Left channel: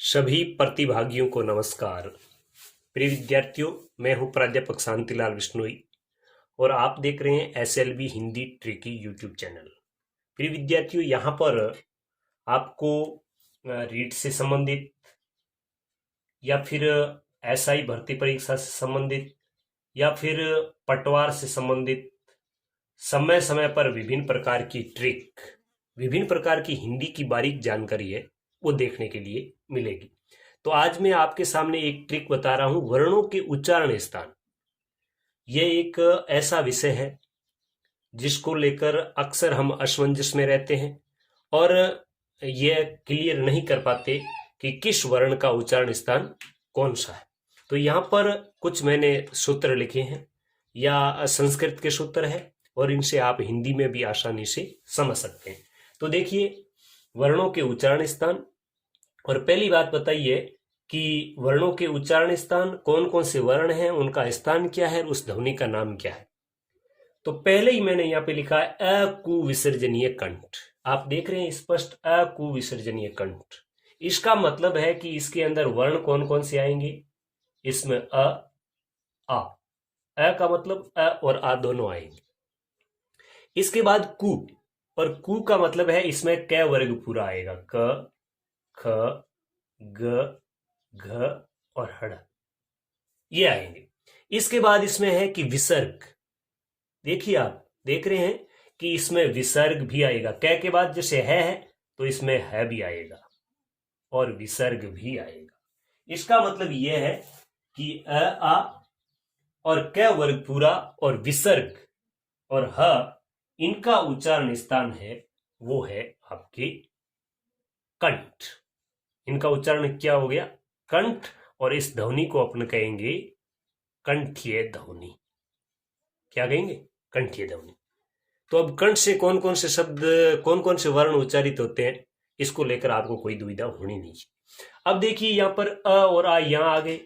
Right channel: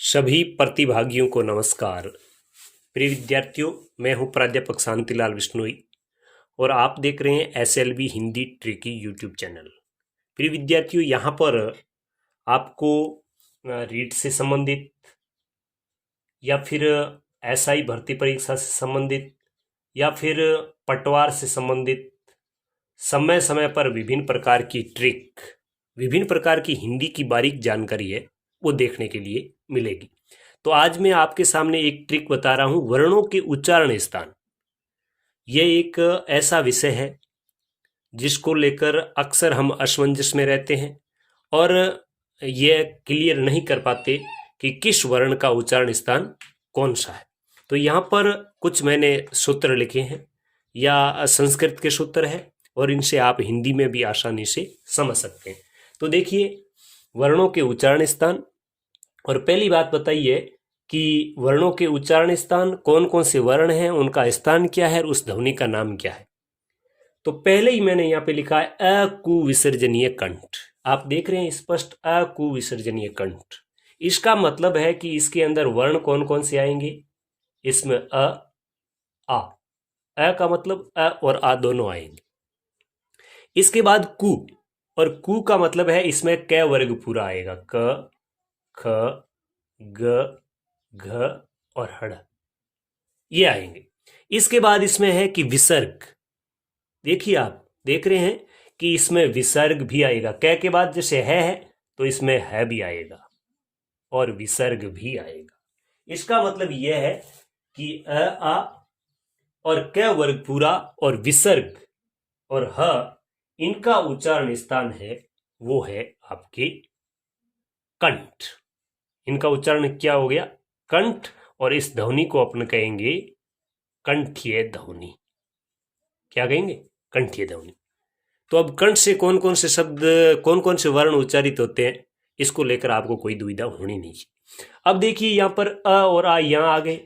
सभी प्रतिभागियों को नमस्कार। प्रिय विद्यार्थियों, मैं हूं प्राध्यापक शांतिलाल विश्नोई और आप देख रहे हैं SLV Hindi tricky YouTube channel. प्रिय विद्यार्थियों, यहाँ पर आपको रीट से संबंधित या फिर एसआई भर्ती परीक्षा से संबंधित या फिर पटवार से संबंधित समय समय पर विभिन्न प्रकार की ट्रिक, विभिन्न प्रकार की हिंदी की बारीक जानकारी है वो देखने के लिए मिलेगी। तो आज मैं आपके सामने एक ट्रिक बता रहा हूं, वर्णों के उच्चारण स्थान। यह एक ऐसा विषय है जिसको लेकर अक्सर हम असमंजस में रहते हैं और यह क्लियर नहीं कर पाते कि किस वर्ण का उच्चारण स्थान कौन सा है। तो यहाँ पर कुछ मैंने सूत्र लिखे हैं, या संस्कृत के सूत्र है और इनसे आप हिंदी में भी आसानी से समझ सकते हैं। तो देखिए, वर्णों के उच्चारण स्थान, और पहली बात बताइए कि वर्णों के उच्चारण स्थान कौन कौन से वर्ण हैं, उनका स्थान क्या है और उस ध्वनि का नाम क्या है। तो पहले ही मैंने यहाँ पे लिखा है अकुविसर्जनीय कंठ। आप देख रहे हैं स्पष्ट, अकुविसर्जनीय कंठ। इसका मतलब है कि इसके अंदर वर्ण कौन कौन से आएंगे। इसमें आ का मतलब अ और आ दोनों आएंगे। इसके बाद कु, और कु का मतलब है इसमें क वर्ग पूरा आएगा। क, ख, ग, घ और हड़, ये आएंगे। इसके बाद इसमें है कि विसर्ग। देखिए, आप देख रहे हैं कि इसमें विसर्ग भी आएगा। क के बाद जैसे है तो इसमें है भी आएगा और विसर्ग भी आएगा। इसका मतलब यह है कि आ और क वर्ग पूरा और विसर्ग और ह, इनका उच्चारण स्थान है वो है आपके कंठ। इनका उच्चारण क्या हो गया? कंठ। और इस ध्वनि को अपन कहेंगे कंठीय ध्वनि। क्या कहेंगे? कंठीय ध्वनि। तो अब कंठ से कौन कौन से शब्द, कौन कौन से वर्ण उच्चारित होते हैं, इसको लेकर आपको कोई दुविधा होनी नहीं चाहिए। अब देखिए, यहाँ पर अ और आ यहाँ आ गए,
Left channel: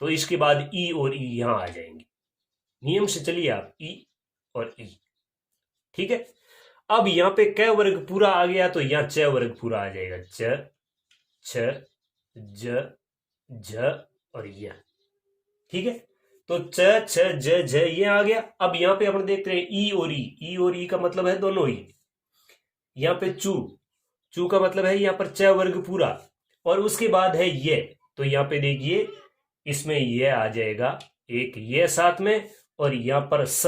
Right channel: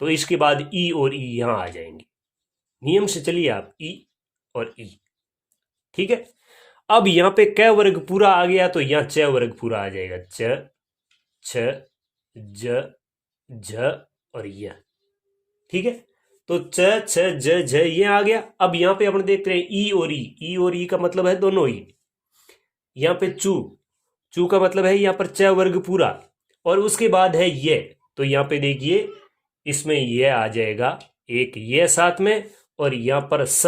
तो इसके बाद ई और ई यहाँ आ जाएंगे। नियम से चलिए आप, ई और ई। ठीक है। अब यहाँ पे क वर्ग पूरा आ गया तो यहाँ च वर्ग पूरा आ जाएगा। च, छ, ज, झ और य। ठीक है। तो च, छ, ज, झ ये आ गया। अब यहाँ पे अपन देख रहे हैं ई और ई। ई और ई का मतलब है दोनों ही। यहाँ पे चू, चू का मतलब है यहाँ पर च वर्ग पूरा, और उसके बाद है ये। तो यहाँ पे देखिए, इसमें ये आ जाएगा एक ये साथ में, और यहाँ पर स,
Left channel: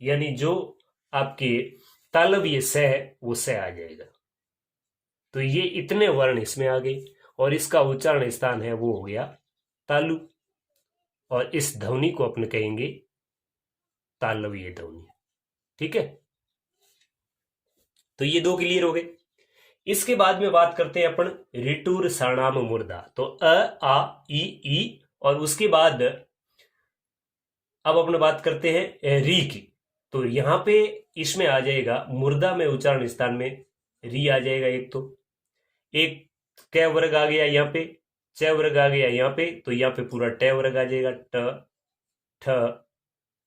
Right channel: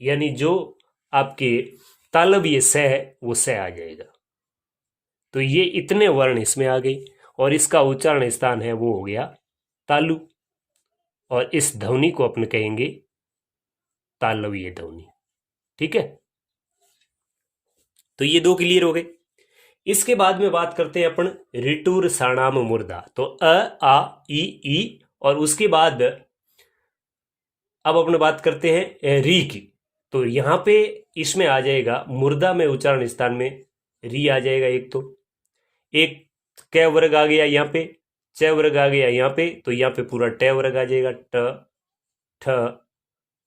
यानी जो आपके तालव्य स है वो स आ जाएगा। तो ये इतने वर्ण इसमें आ गए और इसका उच्चारण स्थान है वो हो गया तालु, और इस ध्वनि को अपन कहेंगे तालव्य ध्वनि। ठीक है। तो ये दो क्लियर हो गए। इसके बाद में बात करते हैं अपन ऋटुर साणाम मूर्धा। तो अ, आ, ई, और उसके बाद अब अपन बात करते हैं री की। तो यहाँ पे इसमें आ जाएगा मूर्धा में उच्चारण स्थान में री आ जाएगा। एक क वर्ग आ गया यहाँ पे, च वर्ग आ गया यहाँ पे, तो यहाँ पे पूरा ट वर्ग आ जाएगा। ट, ठ,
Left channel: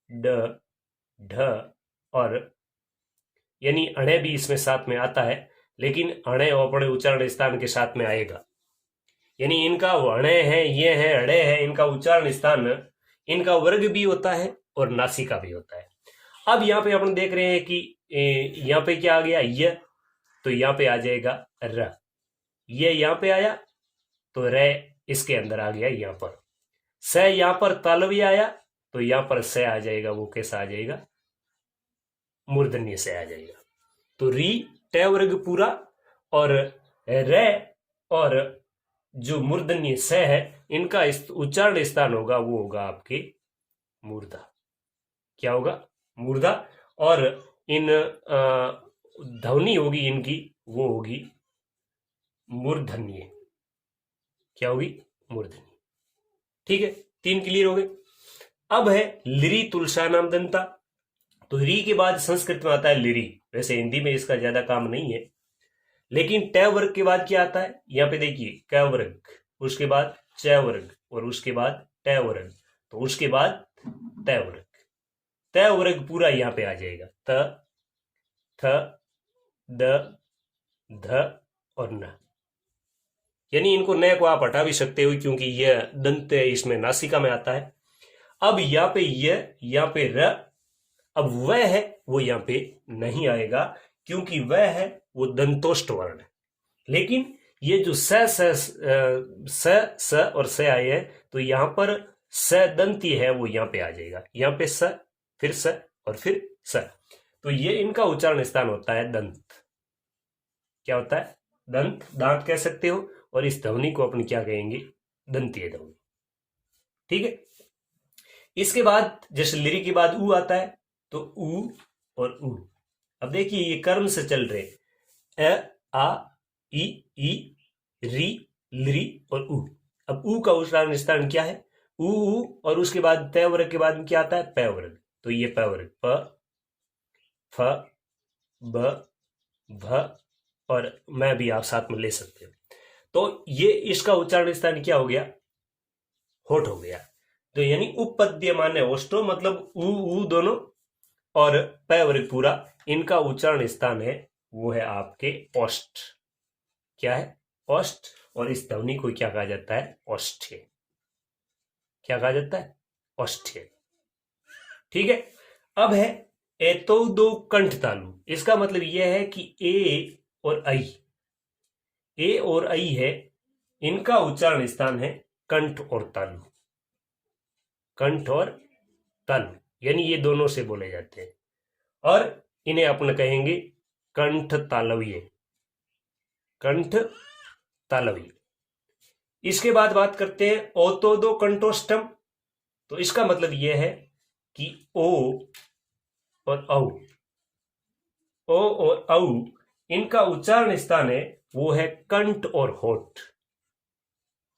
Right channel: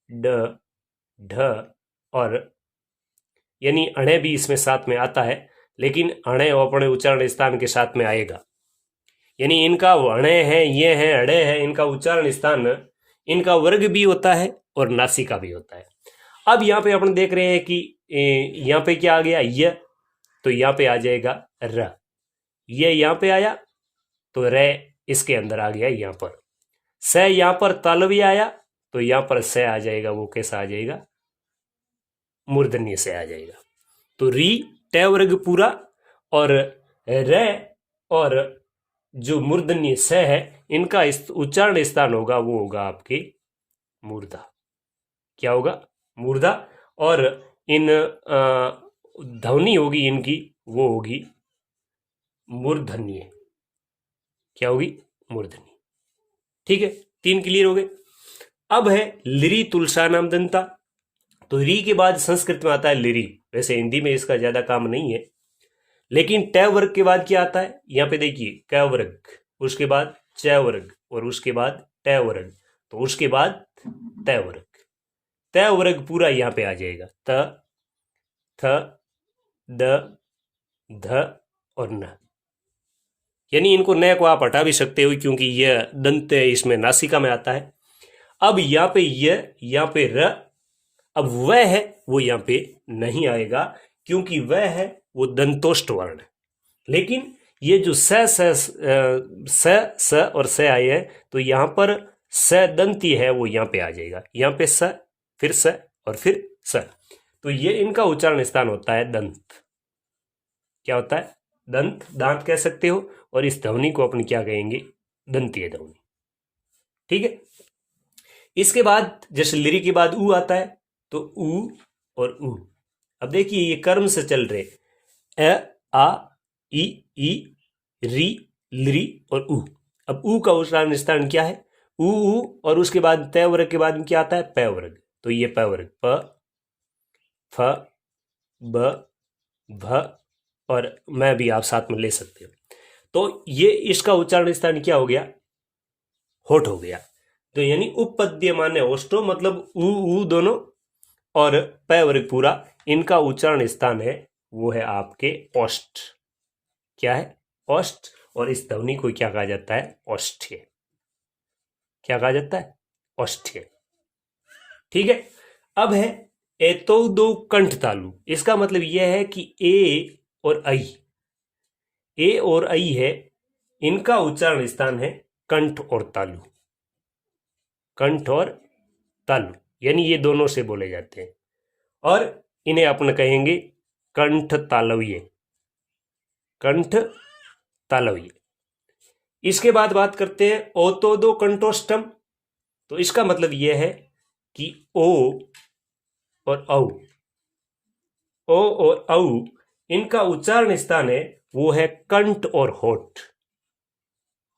ड, ढ और यानी अणे भी इसमें साथ में आता है, लेकिन अणे अपने उच्चारण स्थान के साथ में आएगा। यानी इनका अणे है, ये है, अड़े है, इनका उच्चारण स्थान, इनका वर्ग भी होता है और नासिका भी होता है। अब यहाँ पे अपन देख रहे हैं कि यहाँ पे क्या आ गया? य, तो यहाँ पे आ जाएगा र। ये यहाँ पे आया तो रे इसके अंदर आ गया। यहाँ पर स, यहाँ पर तालव्य आया तो यहाँ पर स आ जाएगा। वो कैसा आ जाएगा? मूर्धन्य से आ जाएगा। तो री ट वर्ग पूरा और रे और जो मूर्धन्य स है, इनका उच्चारण स्थान होगा वो होगा आपके मूर्धा। क्या होगा? मूर्धा। और इन ध्वनि होगी इनकी वो होगी मूर्धन्य। क्या होगी? मूर्धन्य। ठीक है। तीन क्लियर हो गए। अब है लिरी तुलसा नाम दंता। तो री के बाद संस्कृत में आता है लिरी। वैसे हिंदी में इसका ज्यादा काम नहीं है, लेकिन ट वर्ग के बाद क्या आता है? यहाँ पे देखिए, क वर्ग, उसके बाद च वर्ग और उसके बाद ट वर्ग, तो उसके बाद त वर्ग। त वर्ग पूरा यहाँ पे आ जाएगा। त, थ, द, ध और न। यानी इनको न को आप हटा भी सकते हो क्योंकि यह दंत इसमें नासिका में आता है। अब यहाँ पे यहाँ पे र, अब वह है वो यहाँ पे नहीं आएगा क्योंकि वह है वो दंतोष्ट वर्ण है। लेकिन ये जो स और स आए है तो यहाँ पर स दंती है वो यहाँ पे आ जाएगा। यहाँ पे स, फिर स और फिर स, तो ये इनका उच्चारण स्थान होता है दंत। क्या होता है? दंत, दांत कह सकते हो। और इस ध्वनि को अपन क्या कहेंगे? दंतीय ध्वनि। ठीक है। इसके बाद जैसे लिरी के बाद ऊ आता है तो ऊ और ऊ। अब देखिए ये कर्म से चल रहे, अ, आ, ई, री, लिरी और ऊ। अब ऊ का उच्चारण स्थान क्या है? ऊ, और उसके बाद तय वर्ग के बाद में क्या आता है? पै वर्ग। तो ये पै वर्ग प, फ, ब, भ और मैं भी आप साथ में ले सकते हो। तो ये इसका उच्चारण स्थान क्या हो गया? होठ हो गया। तो यानी उपपद्य माने ओष्टो, मतलब ऊ दोनों और पै वर्ग पूरा, इनका उच्चारण स्थान है वो है आपके ओष्ठ। क्या है? ओष्ठ। और इस ध्वनि को क्या कहा जाता है? ओष्ठ्य। क्या कहा जाता है? ओष्ठ्य। ठीक है। अब है एतो दो कंठ तालु। इसका मतलब यह है कि ए और ऐ, ए और ऐ है, इनका उच्चारण स्थान है कंठ और तालु। कंठ और तालु यानी ये दोनों से बोले जाते हैं और इन्हें अपन कहेंगे कंठ तालव्य। कंठ तालव्य। इसके बाद बात करते हैं ओतोदो कंठोष्टम। तो इसका मतलब यह है कि ओ और औ, ओ और औ, इनका उच्चारण स्थान है वो है कंठ और होठ।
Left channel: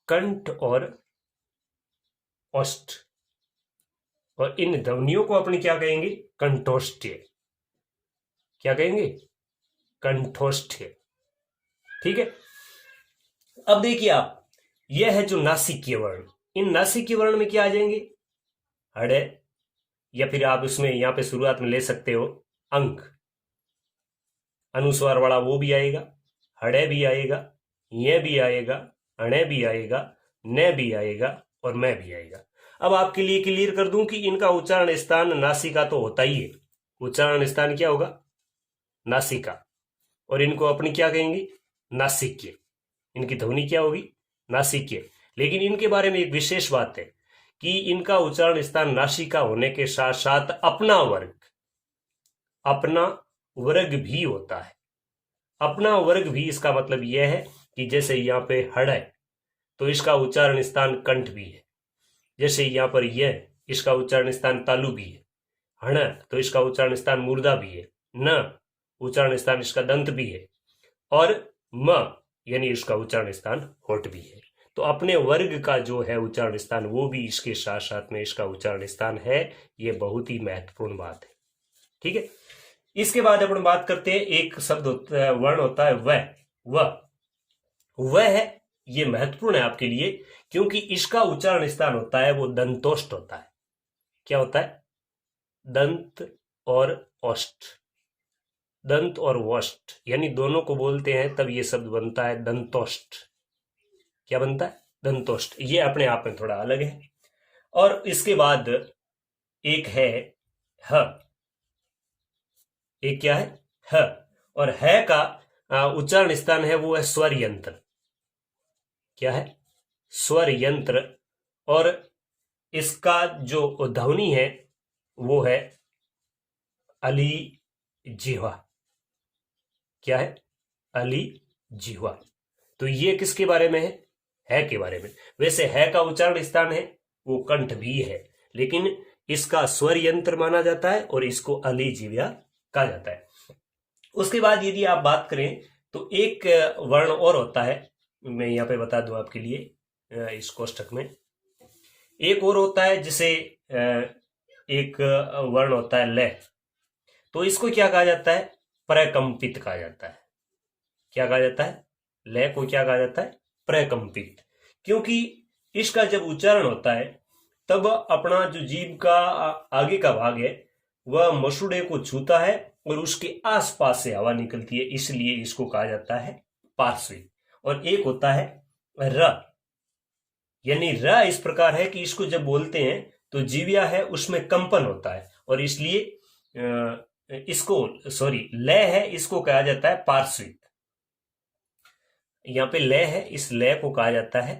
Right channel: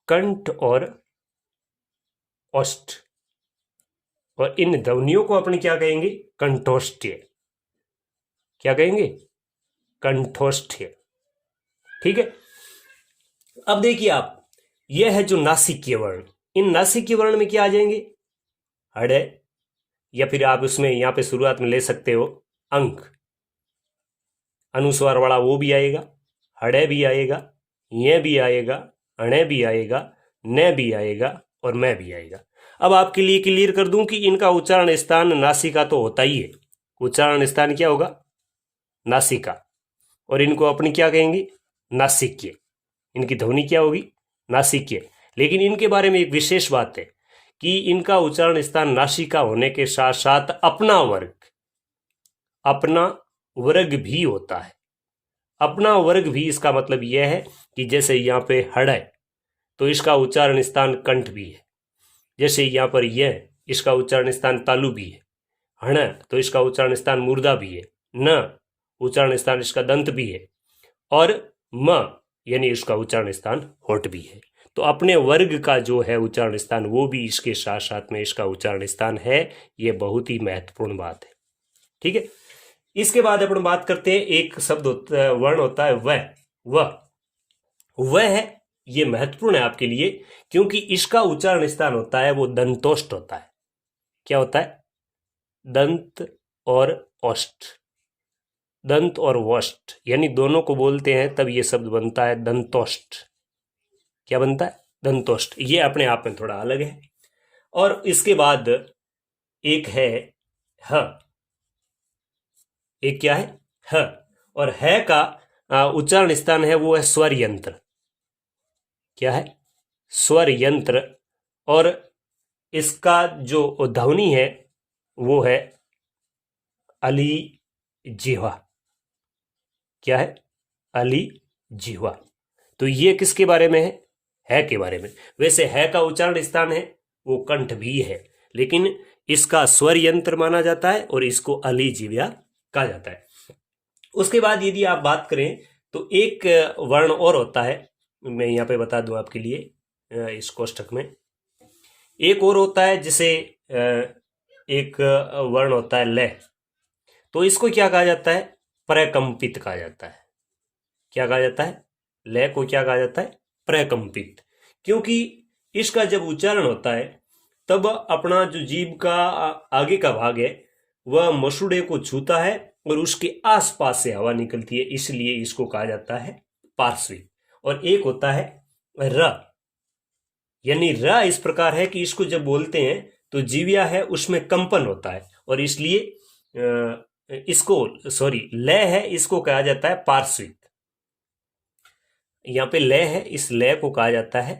कंठ और ओष्ठ। और इन ध्वनियों को अपन क्या कहेंगे? कंठोष्ठ्य। क्या कहेंगे? कंठोष्ठ्य। ठीक है। अब देखिए आप, यह है जो नासिकीय वर्ण। इन नासिकीय वर्ण में क्या आ जाएंगे? हड़े, या फिर आप उसमें यहां पे शुरुआत में ले सकते हो अंक, अनुस्वार वाला वो भी आएगा, हड़े भी आएगा, ये भी आएगा, अणे भी आएगा, न भी आएगा और मैं भी आएगा। अब आपके लिए क्लियर कर दूं कि इनका उच्चारण स्थान नासिका तो होता ही है। उच्चारण स्थान क्या होगा? नासिका। और इनको अपनी क्या कहेंगे? नासिक्य। इनकी ध्वनि क्या होगी? नासिक्य। लेकिन इनके बारे में एक विशेष बात है कि इनका उच्चारण स्थान नासिका होने के साथ साथ अपना वर्ग भी होता है। अपना वर्ग भी, इसका मतलब यह है कि जैसे यहाँ पे हड़ है तो इसका उच्चारण स्थान कंठ भी है। जैसे यहाँ पर यह, इसका उच्चारण स्थान तालु भी है। हण तो इसका उच्चारण स्थान मूर्धा भी है। न उच्चारण स्थान इसका दंत भी है। और म यानी इसका उच्चारण स्थान होठ भी है। तो अपने वर्ग का जो है उच्चारण स्थान वो भी इसके साथ साथ में इसका उच्चारण स्थान है। ये बहुत ही महत्वपूर्ण बात है। ठीक है। इसके बाद अपन बात करते हैं, एक शब्द वर्ण होता है वह है। ये महत्वपूर्ण है आपके लिए क्योंकि इसका उच्चारण स्थान होता है वो दंतोष्ट होता है। क्या होता है? दंत और ओष्ठ। दंत और वोष्ठ यानी दोनों को बोलते हैं तब ये शब्द बनता है दंतोष्ट। क्या बनता है? दंतोष्ट। ये अपने आप में थोड़ा अलग है। और इसके बाद एक है ह। एक क्या है? ह। और है का उच्चारण स्थान है वो है स्वर यंत्र। क्या है? स्वर यंत्र। और इसका जो ध्वनि है वो है अली जिह्वा। क्या है? अली जिह्वा। तो ये किसके बारे में है के बारे में। वैसे है का उच्चारण स्थान है वो कंठ भी है, लेकिन इसका स्वर यंत्र माना जाता है और इसको अली जिह्वा कहा जाता है। उसके बाद यदि आप बात करें तो एक वर्ण और होता है, मैं यहाँ पे बता दूं आपके लिए। इस कोष्ठक में एक और होता है जिसे एक वर्ण होता है ल। तो इसको क्या कहा जाता है? प्रकंपित कहा जाता है। क्या कहा जाता है? ल को क्या कहा जाता है? प्रकंपित। क्योंकि इसका जब उच्चारण होता है तब अपना जो जीभ का आगे का भाग है वह मसूड़े को छूता है और उसके आसपास से हवा निकलती है, इसलिए इसको कहा जाता है पार्श्वी। और एक होता है र, यानी र इस प्रकार है कि इसको जब बोलते हैं तो जीविया है उसमें कंपन होता है, और इसलिए इसको सॉरी लय है इसको कहा जाता है पार्श्विक। यहाँ पे लय है, इस लय को कहा जाता है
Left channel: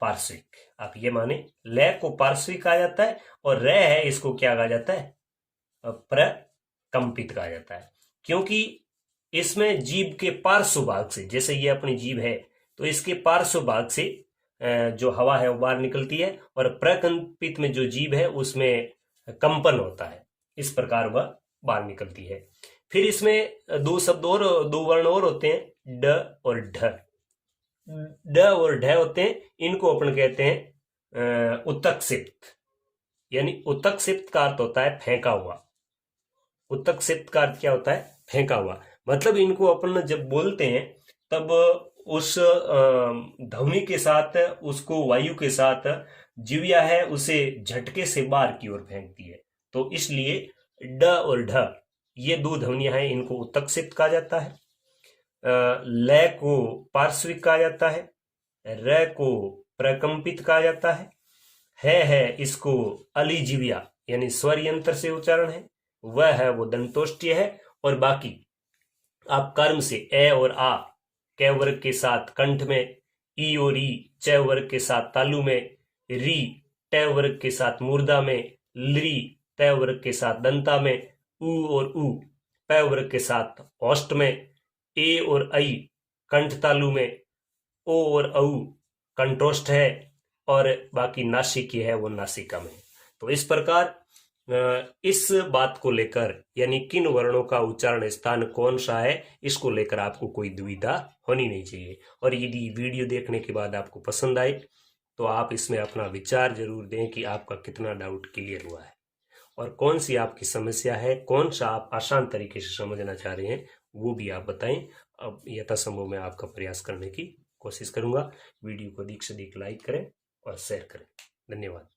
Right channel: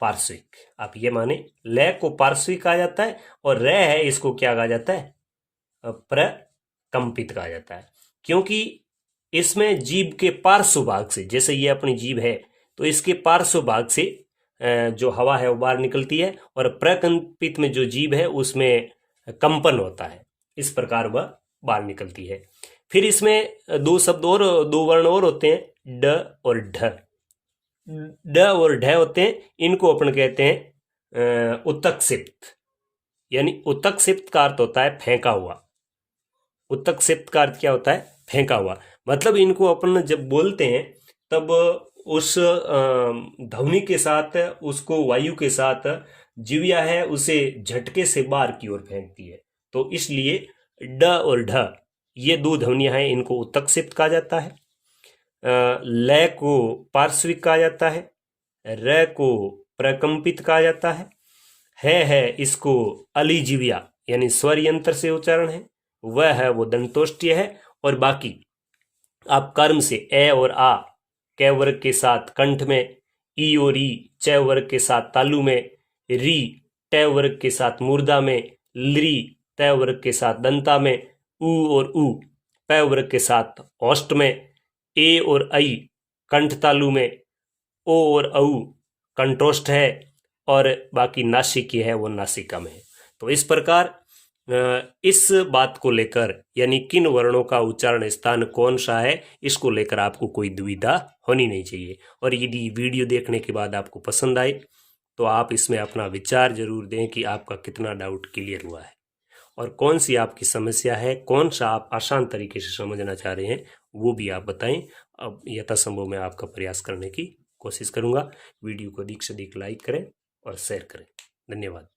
पार्श्विक। आप ये माने लय को पार्श्विक कहा जाता है, और र है इसको क्या कहा जाता है, प्रकंपित कहा जाता है। क्योंकि इसमें जीभ के पार्श्व भाग से, जैसे ये अपनी जीभ है तो इसके पार्श्व भाग से जो हवा है वो बाहर निकलती है, और प्रकंपित में जो जीभ है उसमें कंपन होता है, इस प्रकार वह बाहर निकलती है। फिर इसमें दो शब्द और, दो वर्ण और होते हैं, ड और ढ। ड और ढ होते हैं, इनको अपन कहते हैं उत्तक्षिप्त। यानी उत्तक्षिप्त का अर्थ होता है फेंका हुआ। उत्तक्षिप्त का अर्थ क्या होता है, फेंका हुआ। मतलब इनको अपन जब बोलते हैं तब उस ध्वनि के साथ, उसको वायु के साथ जीविया है उसे झटके से बाहर की ओर फेंकती है। तो इसलिए ड और ढ ये दो ध्वनियां हैं, इनको उत्तक्षिप्त कहा जाता है। लय को पार्श्विक कहा जाता है, र को प्रकंपित कहा जाता है इसको अलिजीविया यानी स्वर यंत्र से उच्चारण है, वह है वो दंतोष्ठ्य है। और बाकी आप कर्म से ए और आ कै वर्ग के साथ कंठ में, ई और ई च वर्ग के साथ तालु में, री ट वर्ग के साथ मूर्धा में, ली त वर्ग के साथ दंता में, उ और उ प वर्ग के साथ ओष्ठ में, ए और आई कंठ तालु में, ओ और औ कंठोष्ठ है, और बाकी नासिक है वो नासिका में। तो इस प्रकार इस बात को लेकर, यानी किन वर्णों का उच्चारण स्थान कौन सा है, इसको लेकर आपको कोई दुविधा होनी नहीं चाहिए। और यदि वीडियो देखने के बाद आपको पसंद आए तो आप इसमें अपना विचार जरूर दें कि आपका कितना डाउट क्लियर हुआ है, और कौन सी आपकी समस्या है, कौन सा आप आसान तरीके से समझना चाह रहे हैं वो भी आप बताएं। अब यथासंभव मैं आपका प्रयास करने की कोशिश करूंगा। वीडियो को अधिक से अधिक लाइक करें और शेयर करें। धन्यवाद।